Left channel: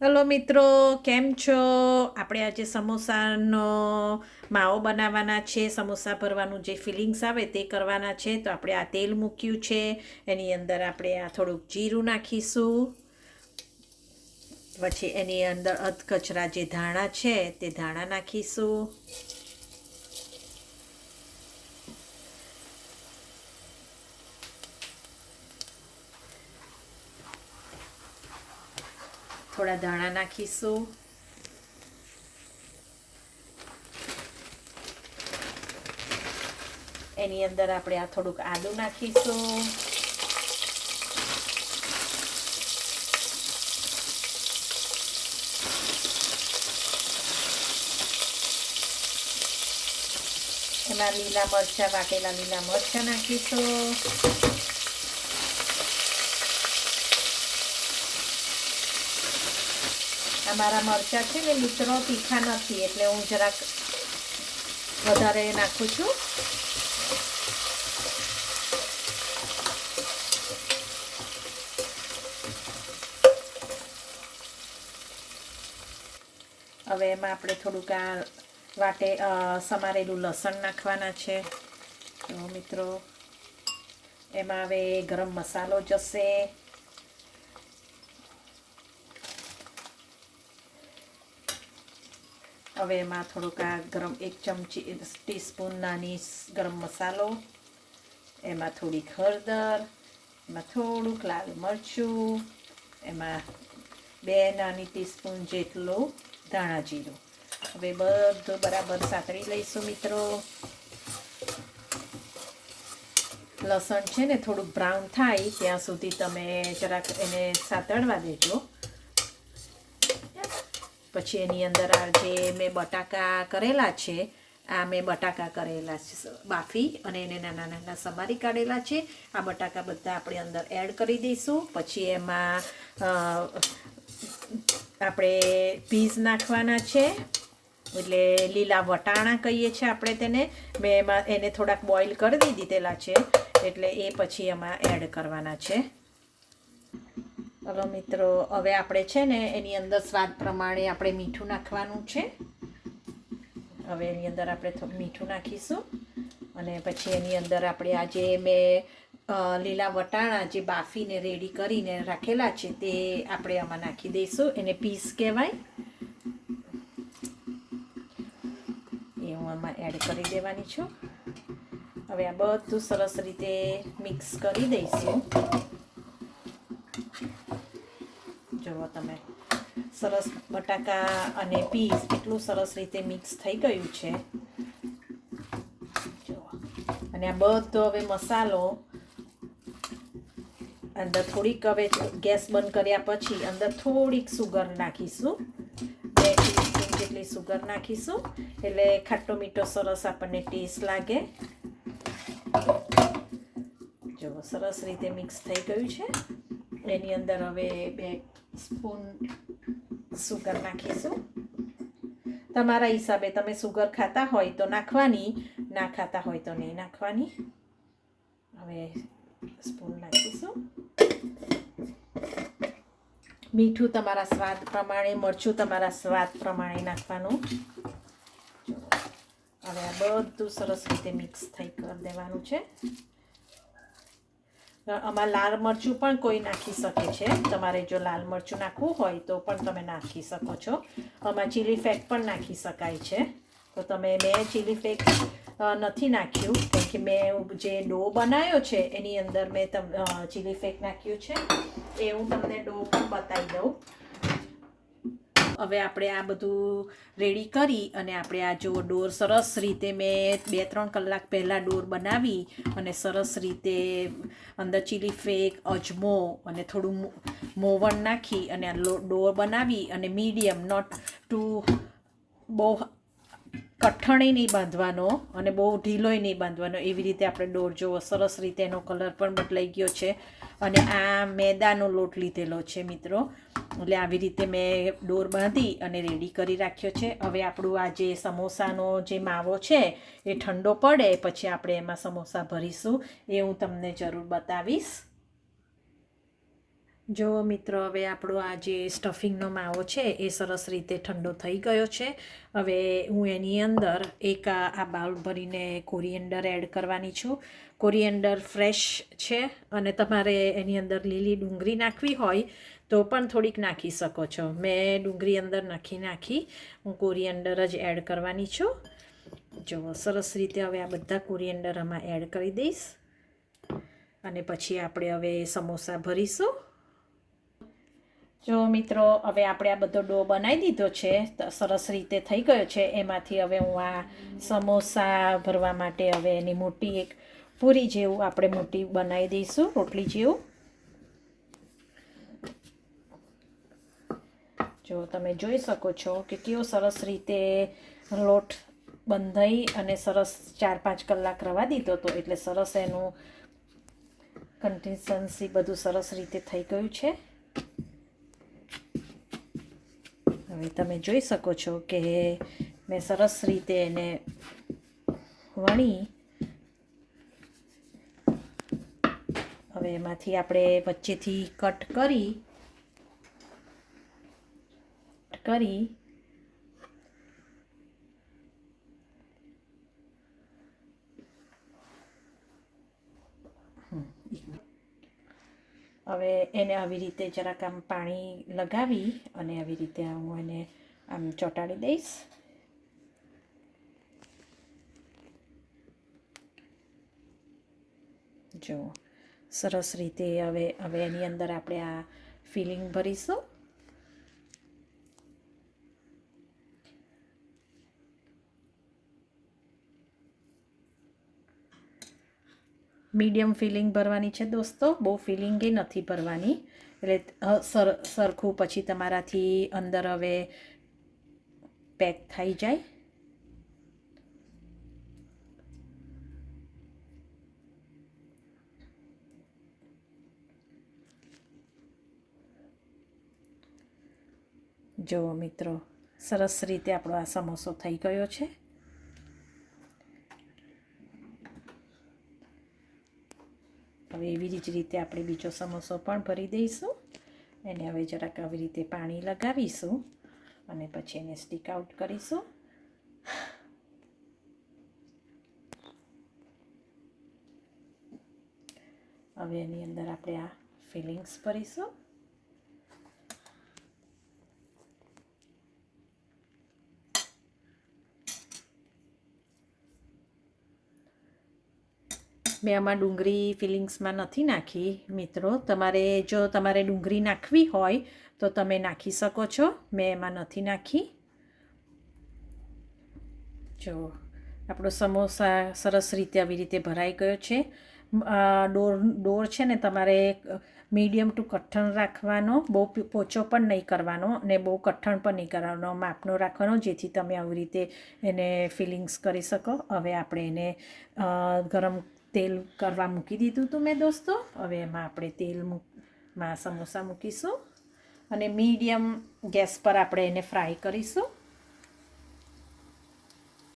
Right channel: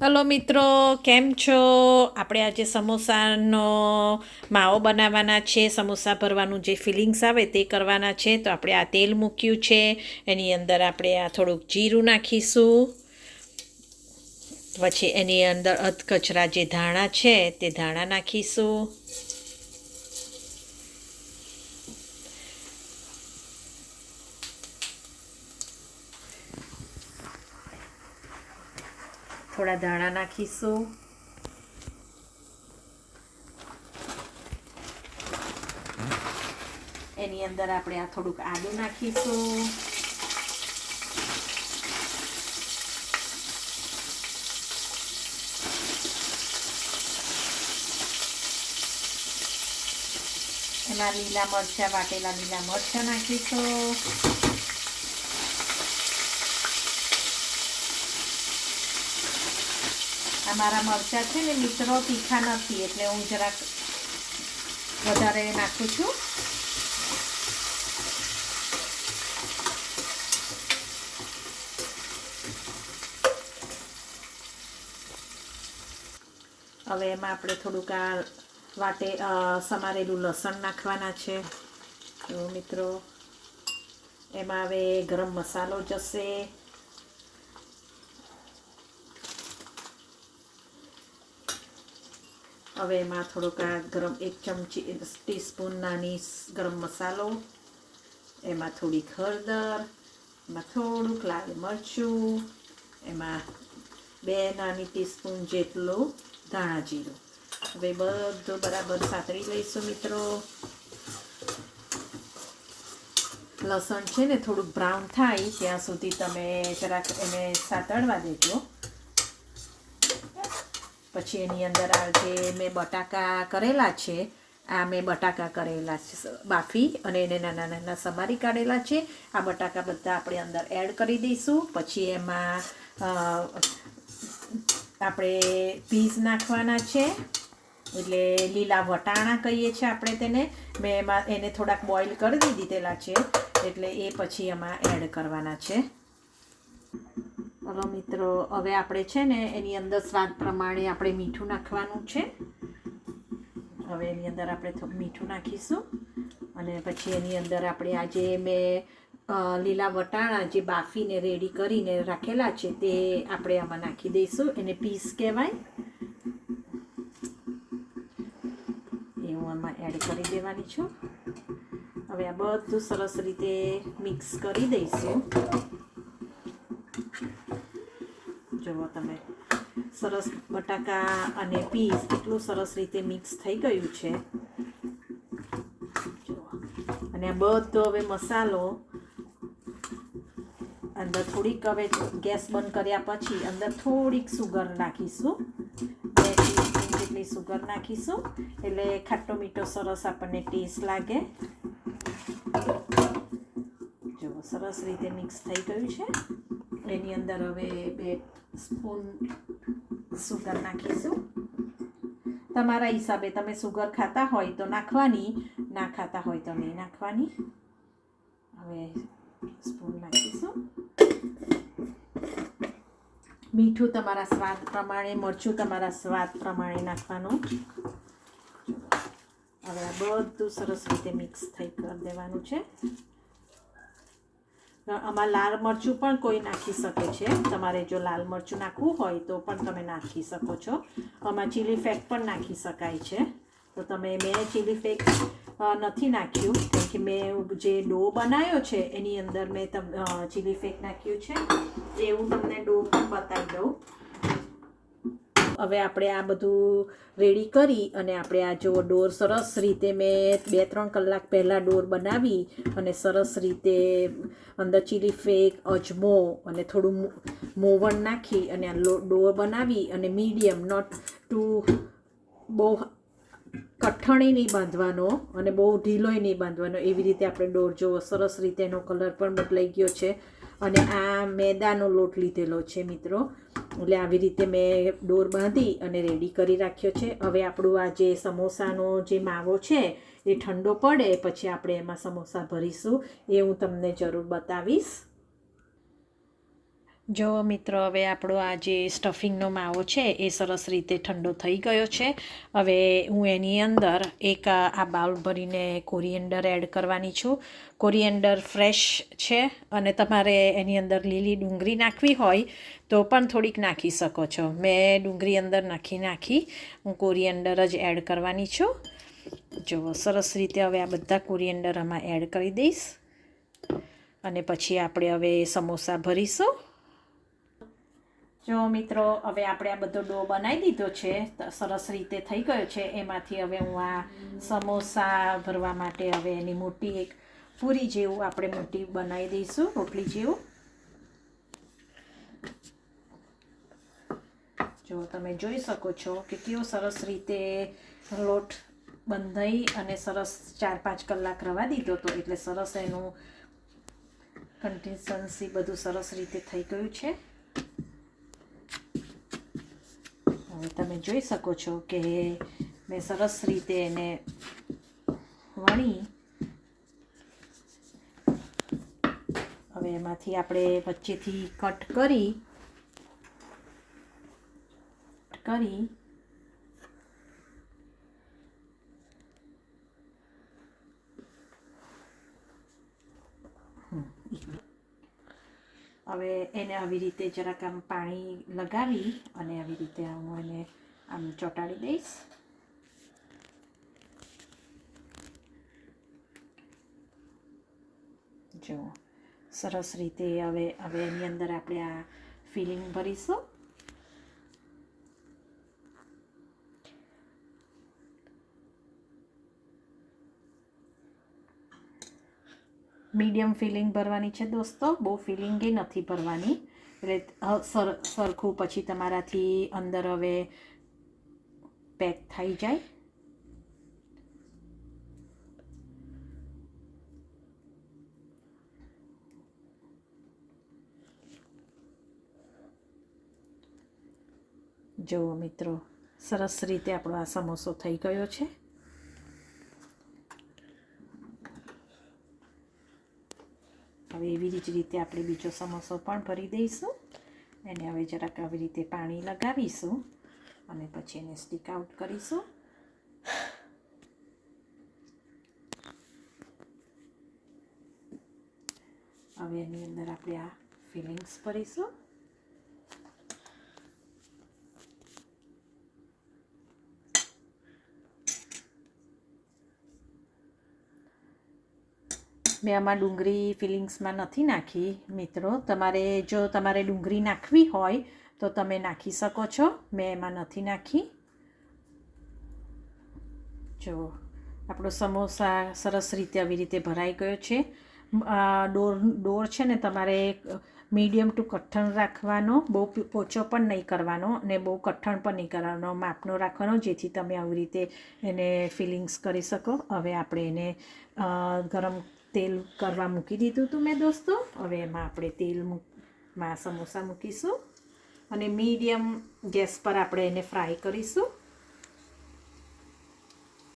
Hello મિત્રો, કેમ છો? આપણે આજે સમોસાનો માવો બનાવવાના છે. સમોસા ભરવાનું જે ફિલિંગ્સ આવે તે કરવાના છે. તો આપણે આ તેલ મૂક્યું છે, એની અંદર આપણે આ થોડુંક જીરું નાખીશું. પછી એની અંદર અધકચરા જે ધાણા છે તે ધાણા નાખીશું. થોડા ધાણા નાખીશું. એની અંદર આપણે આ થોડુંક આદું નાખીશું. એમાં લીલા મરચાં, વાટેલા લીલા મરચાં નાખીશું. અમારા મરચાં છે ને મિત્રો તીખા નથી, એટલે હું જરાક વધારે નાખું છું. હવે એમાં આપણે થોડુંક આ સમારેલું લસણ નાખવાના છે. તો મિત્રો એમાં હવે ગરમ મસાલો જશે. હવે એમાં થોડુંક આ એક ચમચી ટીસ્પૂન નાની ગરમ મસાલો, એમાં થોડીક હળદર, એમાં થોડુંક લાલ મરચું, એમાં 2 નાની ટીસ્પૂન જેટલું ધાણા જીરું. હવે બધું બરાબર સાતળી લઈશું મિત્રો. લસણ છે ને થોડુંક બ્રાઉન થાય ત્યાં સુધી તમે જરાક એને સાતળવા દેજો. પછી એની અંદર આ જે મેં બટાકા કરેલા છે, આ મેં બટાકા કરેલા છે બાફી, અને એને નાના નાના સમારી કાઢેલા છે. આ બટાકા બધા આપણે અંદર એડ કરી દઈશું. પછી એમાં આપણે પીસ નાખવાના છે, એટલે લીલા વટાણા કહીએ છીએ આપણે તેને. મેં એમાં એને થોડાક બોઇલ કરી દીધેલા છે, એટલે એ પછી એમાં એડ કરવાના છે. હવે મિત્રો, હવે આપણે છે ને એની અંદર સ્વાદ પ્રમાણે આપણે મીઠું નાખવાનું છે. હવે એની અંદર આપણે મીઠું નાખીશું, અને પછી એની અંદર આપણે આ જે મેં લીલા વટાણા જે બાફીને રેડી કરીને રાખેલા છે તે આપણે આમાં નાખી દઈશું. એને પીસ કહેવાય, એ હું આમાં એડ કરી દેવાની છું. હવે આ બધું સરસ રીતે મિક્સ કરી દઈશું. જુઓ તમે, સરસ બટાકા અને પીસ એટલું સરસ રીતે મિક્સ થઈ ગયું છે. જુઓ, અને આ બધો હવે મસાલો અંદર થોડીક, હવે ગેસ બંધ કર્યા પછી અંદર થોડીક સુગર નાખીશું. 2 ટીસ્પૂન જેટલી સુગર નાખીશું, એટલે ખાટો મીઠો સરસ આપણને ટેસ્ટ લાગે. જુઓ, સરસ રીતે મિક્સ થઈ ગયું છે. એની અંદર હવે 2 સ્પૂન સુગર નાખીશું. તમારા હિસાબે તમે સુગર ખાતા હોય તો નાખવાની, ના ખાતા હોય તો નહીં નાખવાની. હવે સ્પૂન નાખીશું. મીઠું તમારા સ્વાદ પ્રમાણે, મરચું તમારા સ્વાદ પ્રમાણે નાખવાનું. હવે આ બધું સરસ રીતે મિક્સ કરી દેવાનું છે. આમાં લાલ મરચું પણ કોઈ નાખી શકે છે. તમારે જો લાલ મરચું નાખવું હોય તો પણ તમે નાખી શકો છો. આમાં ચીલી ફ્લેક્સ પણ નાખી શકાય છે. તો મેં ચીલી ફ્લેક્સ નથી નાખ્યું, કેમ કે મેં જે ડો બનાવ્યો છે એની અંદર મેં ચીલી ફ્લેક્સ નાખ્યું છે. એ હું તમને ડો પણ બતાવી દઉં. હવે આપણે આ બધું રેડી કરી અને આપણે આ જો ડોર સરસ રીતે મેં 2-3 કલાક પહેલાં ડોર બનાવી અને સરસ રીતે અંદર ચીલી ફ્લેક્સ, અજમો અને થોડું મોવણ નાખી અને ડોર બનાવી, અને મીડિયમ, નોટ ટુ બહુ કઠણે નહીં બાંધવાનો અને બહુ ઢીલોય નહીં બાંધવાનો, એવી રીતે આપણે ડોર જુઓ સરસ રીતે એનો કલર પણ બદલાઈ ગયો છે. અને આ મેદાનો લોટ લીધેલો છે મિત્રો, એટલે આવી રીતે મેં ડોર બાંધી અને રેડી કરી રાખ્યો છે. હવે આપણું આ જે સમોસાનો જે માવો છે એ ઠંડો પડે પછી આપણે એમાં સમોસા ભરીશું, એ હું તમને જરૂર બતાવીશ. જો મિત્રો હવે આપણો આ જે સ્ટફિંગનો માવો છે એ સરસ રીતે ઠંડો થઈ ગયો છે. હવે હું એની અંદર એક આ બાઉલ ભરીને કોરિએન્ડર એડ કરવાની છું. કોરિએન્ડર ફ્રેશ છે અને તમારે એની અંદર લીલી ડુંગળી નાખવી હોય તો પણ થોડીક નાખી શકો છો. મેં ડુંગળી અંદર નાખી હું કોરિએન્ડર જ એડ કરવાની છું. જો સરસ રીતે હવે આ બધા કોરિએન્ડર આમાં એડ કરી દઈશ અને પછી આપણે હવે સમોસા ભરીશું. જો મિત્રો હવે આપણે આ બધો ડો બનાવી દીધો છે, સરસ રીતે થઈ ગયો છે. એમાંથી હવે હું આ સમોસા ભરવા માટે હવે એની મોટી એક પૂરી જેવું આપણે મોટી બનાવી દઈશું, રોટલી જેવું. જો તમે જોઈ શકો છો કે કેવો સરસ રીતે લોટ બંધાઈ અને સરસ 4-5 કલાક રવા દીધો હતો, એટલે સરસ એનું કન્સિસ્ટન્સી બધું સરસ રીતે થઈ ગયું છે. હવે તમે જોઈ શકો છો કે મેં સરસ રીતે એને વણી. હવે એમાંથી આપણે વચ્ચેથી કટ કરી હવે એને આવી રીતે જરાક આમ પાણી લગાવી અને આવી રીતે હું એને આમ ચોંટાડી દઈશ. જો સરસ રીતે હવે એની અંદર આપણે આ ફિલિંગ ભરીશું. મીડિયમ ફિલિંગ ભરવાની છે દોસ્તો, બહુ ફિલિંગે નથી ભરવાની, એટલે સરખું પછી તમારાથી અંદર હવે પેક થઈ જાય. જો મિત્રો સરસ રીતે આપણો આ સમોસો થઈ ગયો છે. હવે એવી જ રીતે આપણે બીજો સમોસો પણ ભરી દઈશું. એને હવે જરાક આવી રીતે પાણી લગાવીશું અને પછી એને સ્ટીક આઉટ કરીશું. હવે એની અંદર આપણે આ ફિલિંગ્સ ભરીશું. મેં આમાં ડુંગળી ફિલિંગ્સમાં નથી નાખી મિત્રો. તમારે ડુંગળી નાખવી હોય તો તમે નાખી શકો છો. મેં એમાં નથી નાખી. જો આપણો સમોસા સરસ રીતે આવી રીતે ભરાઈ ગયો છે. ડોર છે ને તમારે મીડિયમ ટુ કઠણ રાખવાનો, બહુ પોચો પણ નહીં કરવાનો અને બહુ કઠણ પણ નહીં કરવાનો, માપનો રાખવાનો, જેથી તમે આવી રીતે એને ફિલિંગ્સ કરી શકો. હવે આપણે એને ગરમ તેલ કરવા મૂકી દીધું હતું મેં દોસ્તો. હવે એમાં આપણે તેલમાં સમોસા મૂકીશું અને મીડિયમ ગેસ પર આપણે એને ફ્રાય કરીશું.